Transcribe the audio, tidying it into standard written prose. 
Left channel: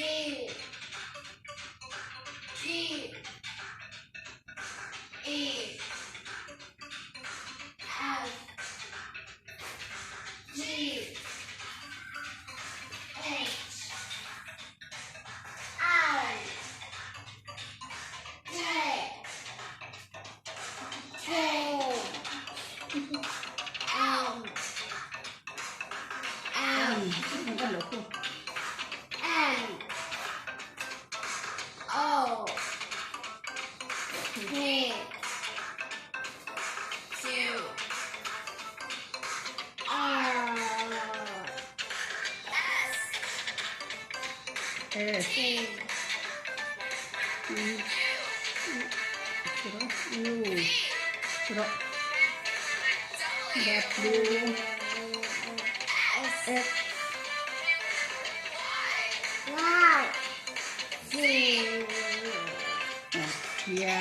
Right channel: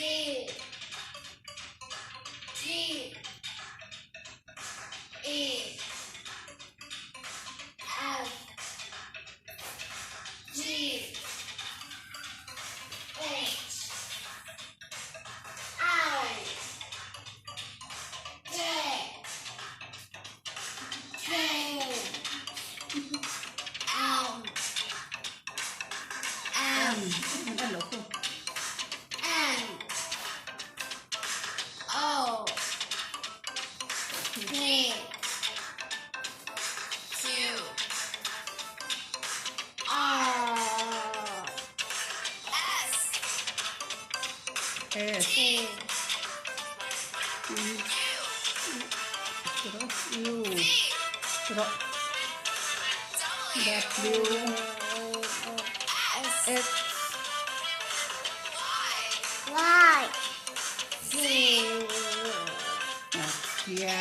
G E F G H I J K L M N O P Q R S T U W X Y Z Ya